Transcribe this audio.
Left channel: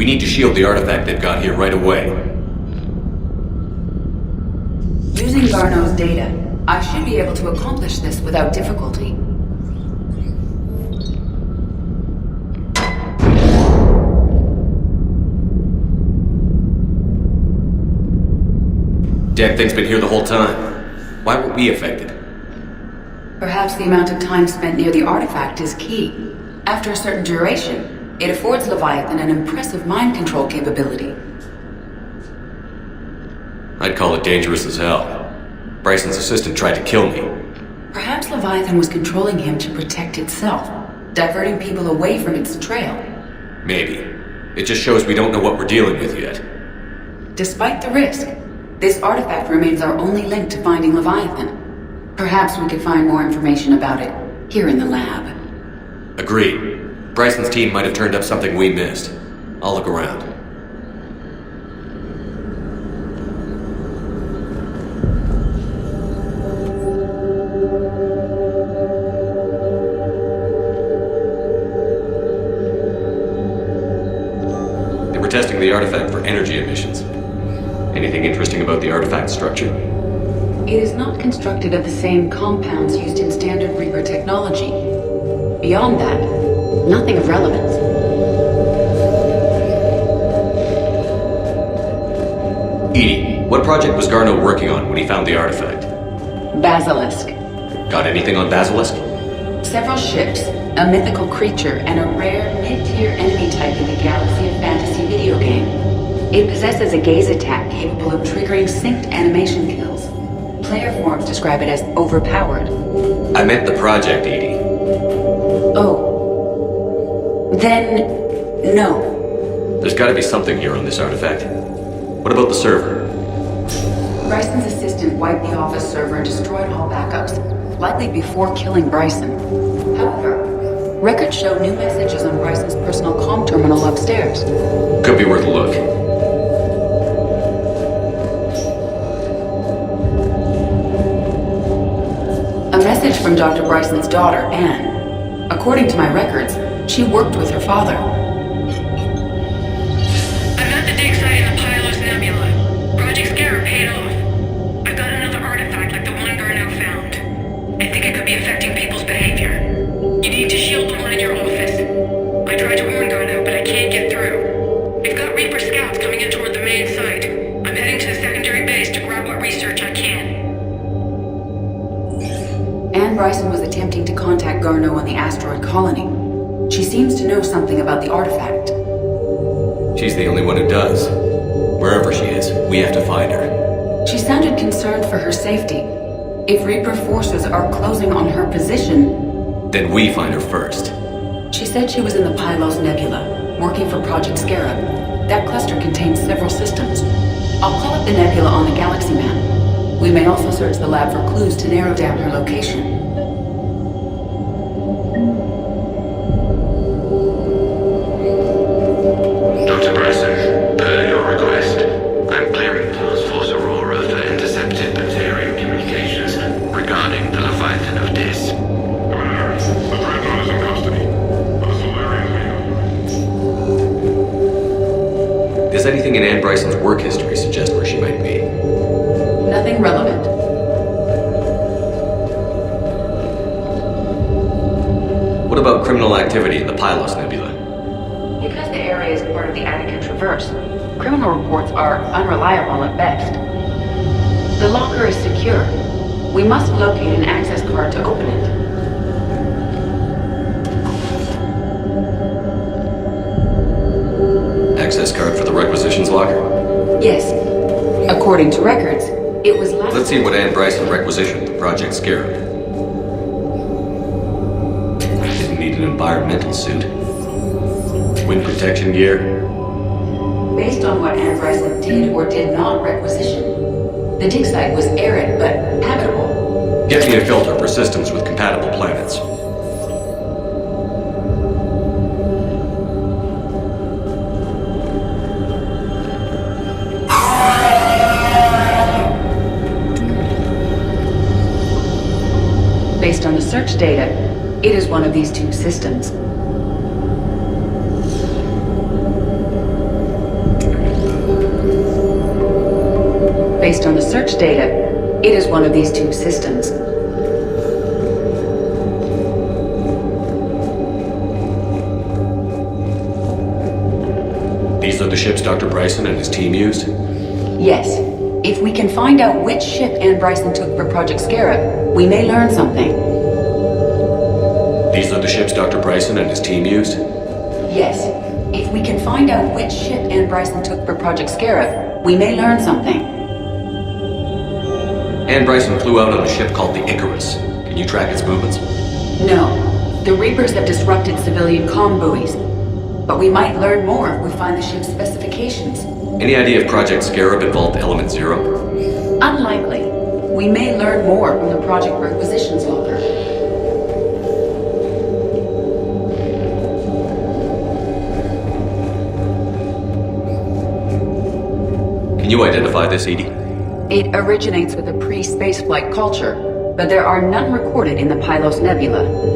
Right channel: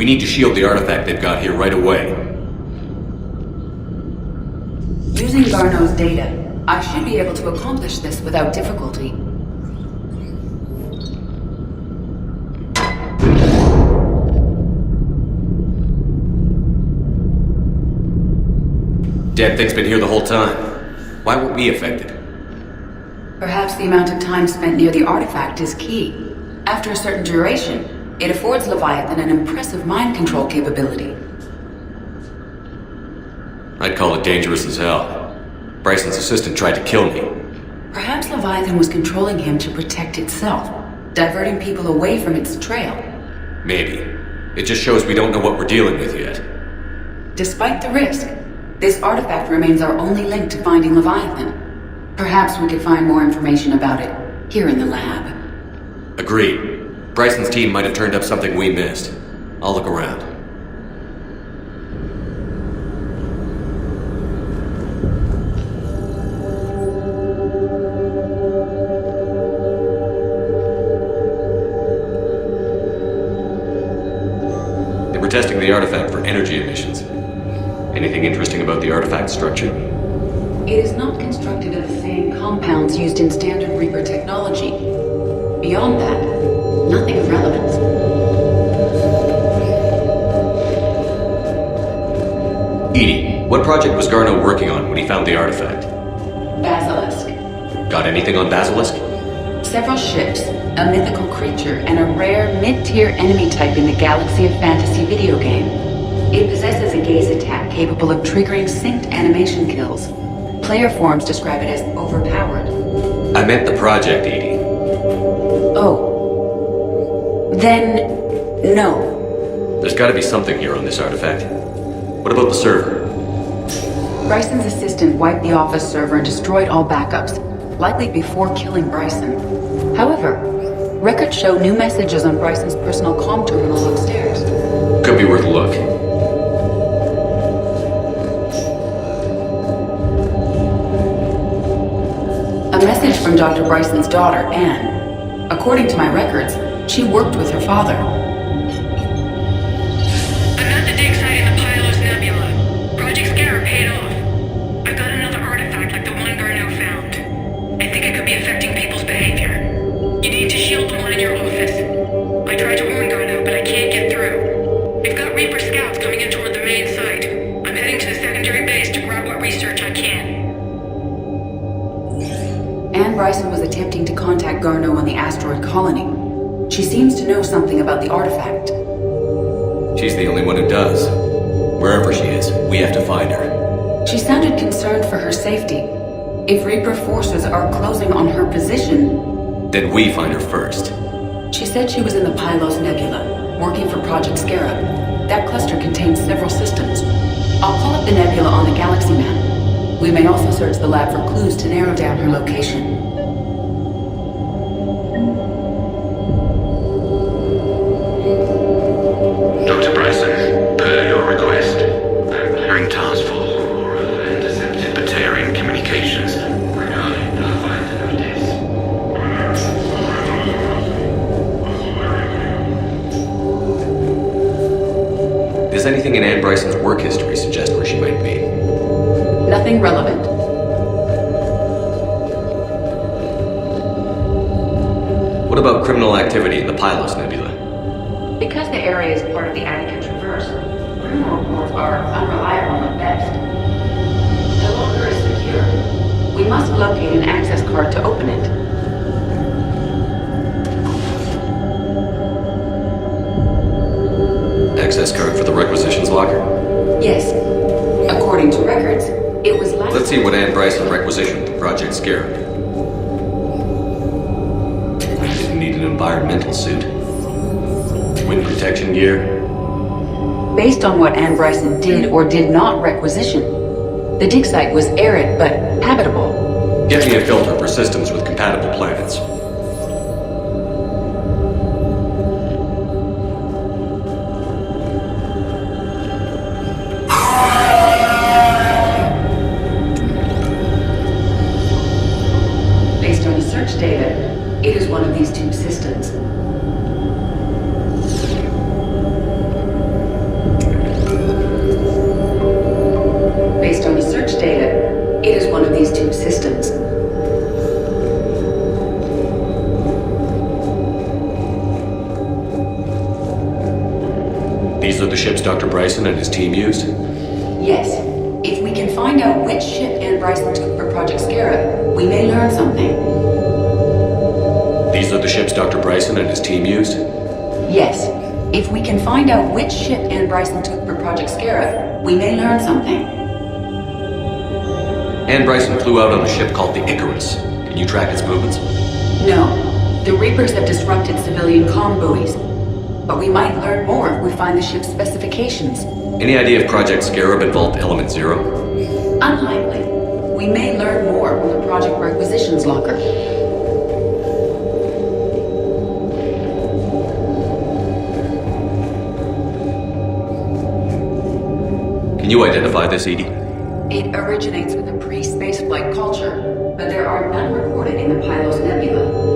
We need to shield the artifact they've got here right away. Using Garneau's data, I should be able to accomplish this without difficulty. Damn thing's been here the whole time. Why weren't we affected? Perhaps the amount of time spent near the artifact is key. After a certain duration, it affords Leviathan an impressive mind control capability. I'd call it dangerous as hell. Bryson's assistant tried to kill me. Perhaps Leviathan was controlling him to protect itself, diverting people away from its trail. Maybe. It just shows we don't know what we're dealing with yet. Despite the risk, this artifact remains our only link to finding Leviathan. Perhaps we could find more information about it here in the lab. Agreed. Bryson's team might have turned up something we missed. I'll look around. They were testing the artifact for energy emissions. Anything interesting about the artifact structure? It is not constructed of the same compounds used in standard Reaper technology. Beyond that, nothing of relevance. Edie, what project was Garneau working on when he found the artifact? Basilisk. Got anything on Basilisk? Several ships, a mythical creature, and a rare mid-tier enemy type in the Galaxy of Fantasy video game. It possesses a gaze attack capable of triggering synced animation kills. Player forums describe it as overpowered. I meant the project, Edie. Oh. Then, no. There's gotta be something here on this artifact. What about the server? Bryson's assistant wiped the office server and destroyed all backups, likely before killing Bryson. However, records show new messages on Bryson's personal comm terminal upstairs. Could be worth a look. A message from Dr. Bryson's daughter, Anne. According to my records, she worked with her father. I'm at the dig site in the Pylos Nebula. Project Scarab paid off. I've got another artifact like the one Garneau found. I think it could be affecting people's behavior. You need to shield the one in your office. I tried to warn Garneau, but I can't get through. They've got Reaper scouts coming in toward the main site. I'm heading to the secondary base to grab what research I can. Anne Bryson was attempting to contact Garneau on the asteroid colony. She seems to know something about the artifact. She's the only one who does. Wherever she is, we have to find her. She sounded concerned for her safety. If Reaper forces are closing on her position... Then we find her first. She said she was in the Pylos Nebula, working for Project Scarab. That cluster contains several systems. I'll call up the nebula on the galaxy map. We may also search the lab for clues to narrow down her location. Dr. Bryson, per your request, I'm clearing Task Force Aurora for intercepted Batarian communications regarding the Leviathan of Dis. Does anything in Anne Bryson's work history suggest where she might be? Nothing relevant. What about criminal activity in the Pylos Nebula? Because the area is part of the Attica Traverse, criminal reports are unreliable at best. The locker is secure. We must locate an access card to open it. Access card for the requisitions locker? Yes. According to records, it was last... Let's see what Anne Bryson requisitioned for Project Scarab. Didn't need an environmental suit. Wind protection gear. Based on what Anne Bryson did or did not requisition, the dig site was arid but habitable. Get me a filter for systems with compatible planets. Based on the search data, it is one of these two systems. Based on the search data, it is one of these two systems. These are the ships Dr. Bryson and his team used? Yes. If we can find out which ship Ann Bryson took for Project Scarab, we may learn something. These are the ships Dr. Bryson and his team used? Yes. If we can find out which ship Ann Bryson took for Project Scarab, we may learn something. Ann Bryson flew out on a ship called the Icarus. Can you track its movements? No. The Reapers have disrupted civilian comm buoys. But we might learn more if we find the ship's specifications. Any idea if Project Scarab involved Element Zero? Unlikely. We may learn more from the Project Requisitions Locker. Can you identify this, Edie? It originates with a pre-spaceflight culture, but there are none recorded in the Pylos Nebula.